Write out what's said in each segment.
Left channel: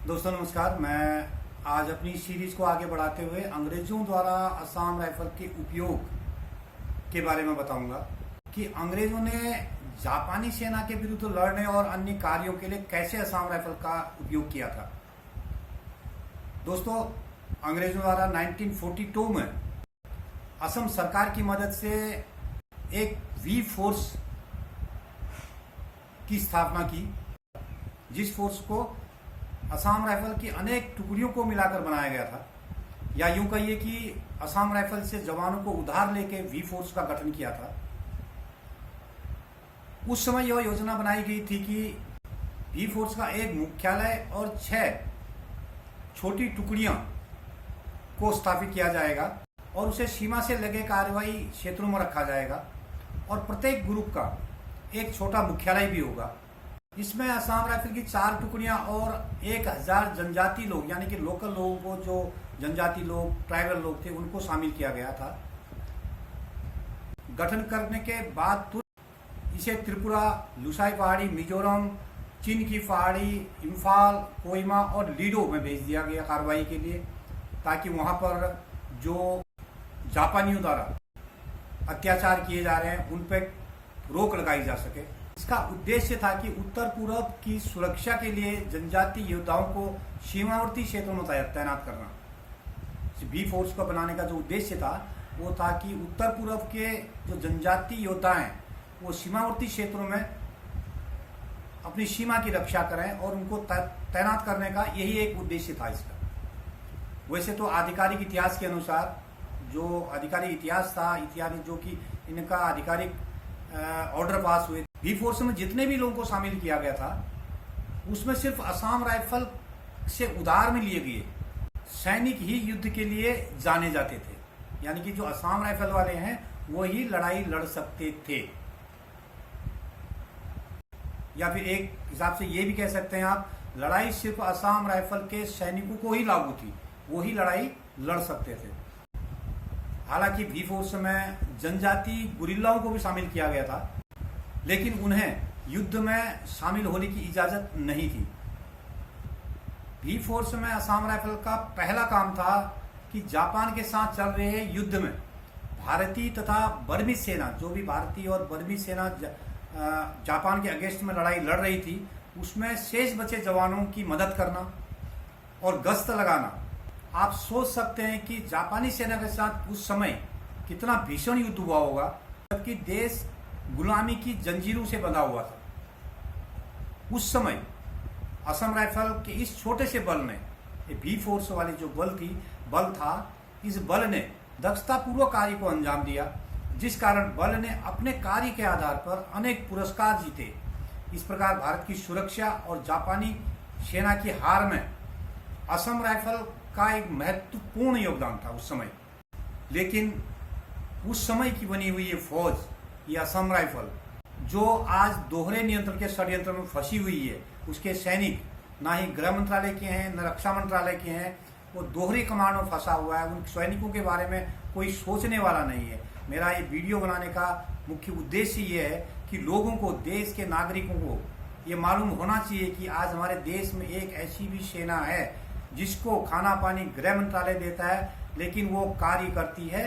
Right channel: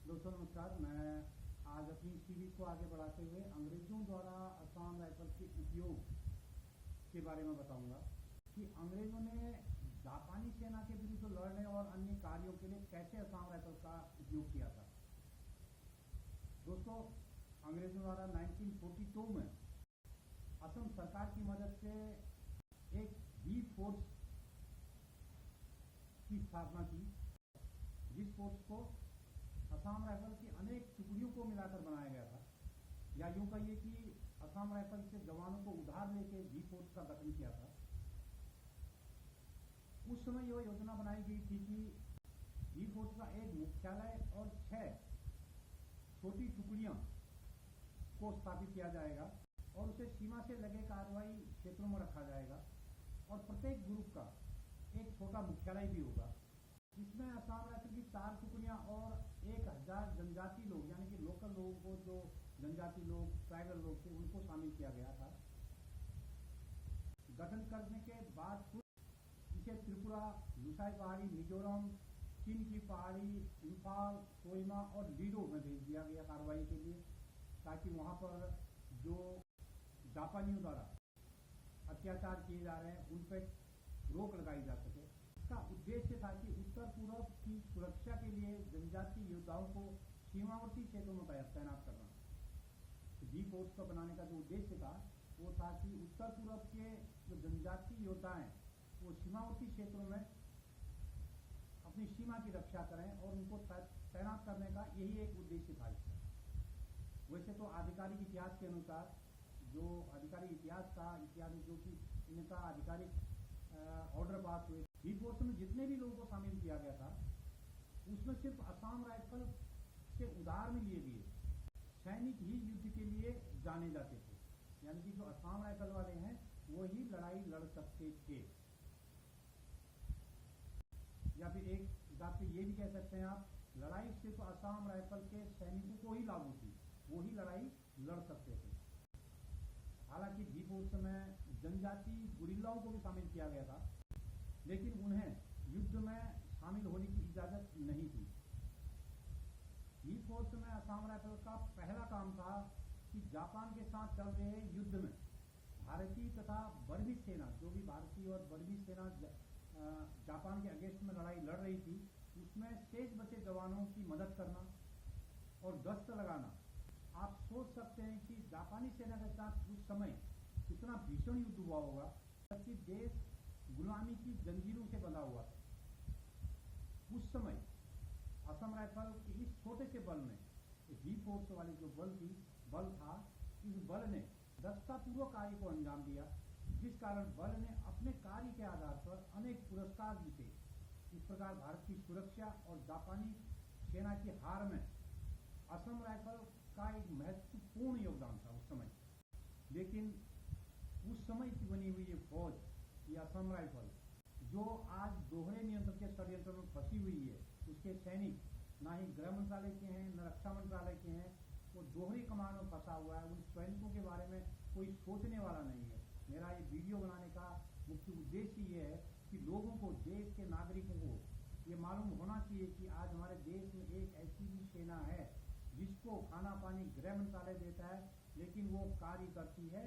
दोस्तों नमस्कार। मैं आज अपनी सीरीज को आगे बढ़ाते हुए अंग्रेजों द्वारा असम राइफल के उपयोग के बारे में बताऊंगा कि अंग्रेजों ने जापानी सेना के विरुद्ध लड़ने और अन्य कार्यों के लिए कैसे असम राइफल का उपयोग किया था। दोस्तों, अंग्रेजों द्वारा 1942 में असम सरकार की मदद से एक वी फोर्स की स्थापना की, जिस फोर्स को असम राइफल की अनेक टुकड़ियों को मिलाकर बनाया गया था, या यूं कहिए कि असम राइफल से जवानों को उधार लेके वी फोर्स का गठन किया था। उस समय यह योजना बनाई गई थी कि वी फोर्स का एक मुख्यालय और 6 छोटी टुकड़ियां को स्थापित किया जाएगा और उसे सीमा से लगे कार्रवाई क्षेत्रों में रखा जाएगा और प्रत्येक ग्रुप का एक छोटा मुख्यालय भी होगा। इसमें असम राइफल की 4 टुकड़ियां और 1000 जनजाति लोग, यानी कि लोकल लोगों को, जो जनजाति लोग, ट्राइबल लोग थे, उनको शामिल किया गया था। गठन करने के बाद तुरंत इसे त्रिपुरा, लुसाई पहाड़ी, मिजोरम, चीन की पहाड़ी, इम्फाल, कोहिमा और लीडो में भेज दिया गया कार्रवाई के लिए, ताकि वहां पर जो जापानियों द्वारा अत्याचार किए जा रहे हैं उन पर रोक लगाई जा सके। इसका उद्देश्य था कि उत्तर पूर्व की सुरक्षा के लिए जनजाति योद्धाओं को सीमावर्ती क्षेत्रों में तैनात करना। बी फोर्स को बनाने का जो उद्देश्य था वो था कि उत्तर पूर्व के जो जनजाति योद्धा हैं वो सीमावर्ती क्षेत्रों में अपनी सीमा की रक्षा करें और उनको तैनात करने का यही एक उद्देश्य था इसका। वैसे तो आधिकारिक इतिहास के अनुसार, जो आधिकारिक इतिहास था, इतिहास जो कि इनका आधिकारिक ऑर्डर पास हुए, वी फोर्स में जितने भी लोगों को शामिल किया गया था उसमें सिर्फ असम राइफल से उधार में लिए गए सैनिक ही युद्ध के लिए जाने जाते थे, यानी कि जो असम राइफल वाले हैं वो ही लड़ाई लड़ सकते थे। या फिर एक हिसाब से ये भी कह सकते हैं आप, लड़ाई सिर्फ असम राइफल के सैनिकों को ही लागू थी, वो ही लड़ाई लड़ सकते थे। हालांकि वी फोर्स में जनजाति गुरिल्लाओं को भी शामिल किया गया था, लेकिन उन्हें युद्ध में शामिल होने की इजाजत नहीं थी। वी फोर्स में असम राइफल का पहला काम था कि जापान के साथ चल रहे युद्ध में भारतीय तथा बर्मी सेना, जो भी भारतीय और बर्मी सेना जापान के अगेंस्ट में लड़ाई लड़ रही थी, उसमें शेष बचे जवानों की मदद करना और गश्त लगाना। आप सोच सकते हैं कि जापानी सेना के साथ उस समय कितना भीषण युद्ध हुआ होगा, जबकि देश गुलामी की जंजीरों से बंधा हुआ था। उस समय असम राइफल के इस छोटे से बल ने, बी फोर्स वाली जो बल था, इस बल ने दक्षतापूर्वक कार्य को अंजाम दिया, जिस कारण बल ने अपने कार्य के आधार पर अनेक पुरस्कार जीते। इस प्रकार भारत की सुरक्षा और जापानी सेना की हार में असम राइफल का एक महत्वपूर्ण योगदान था उस समय। लेकिन उस समय की बनी हुई ये फौज, ये असम राइफल, जो आज दोहरे नियंत्रण के षड्यंत्र में फंसी हुई है, उसके सैनिक ना ही गृह मंत्रालय के हैं न रक्षा मंत्रालय के हैं, वो दोहरी कमांड में फंसा हुआ है। उन सैनिकों के बारे में कोई सोचने वाला नहीं है। मेरा ये वीडियो बनाने का मुख्य उद्देश्य ये है कि लोगों को, देश के नागरिकों को ये मालूम होना चाहिए कि आज हमारे देश में एक ऐसी भी सेना है जिसको खाना पानी गृह मंत्रालय देता है, लेकिन वो कार्य करती है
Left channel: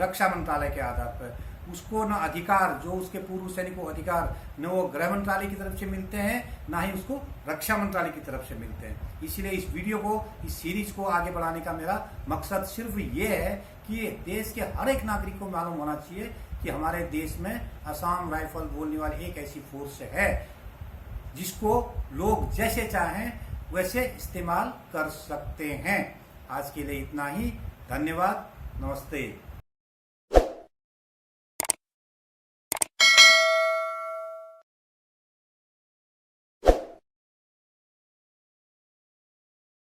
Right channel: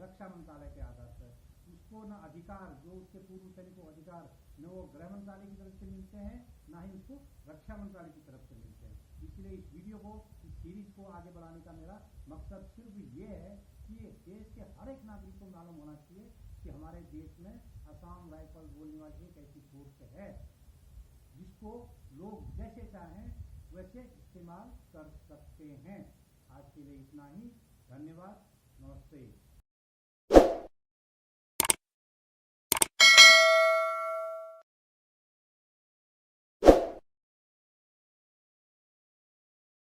रक्षा मंत्रालय के आधार पर। उसको न अधिकार, जो उसके पूर्व सैनिकों को अधिकार, न वो गृह मंत्रालय की तरफ से मिलते हैं, ना ही उसको रक्षा मंत्रालय की तरफ से मिलते हैं। इसलिए इस वीडियो को, इस सीरीज को आगे बढ़ाने का मेरा मकसद सिर्फ ये है कि देश के हर एक नागरिक को मालूम होना चाहिए कि हमारे देश में असम राइफल बोलने वाली एक ऐसी फोर्स है जिसको लोग जैसे चाहें वैसे इस्तेमाल कर सकते हैं। आज के लिए इतना ही। धन्यवाद। नमस्ते।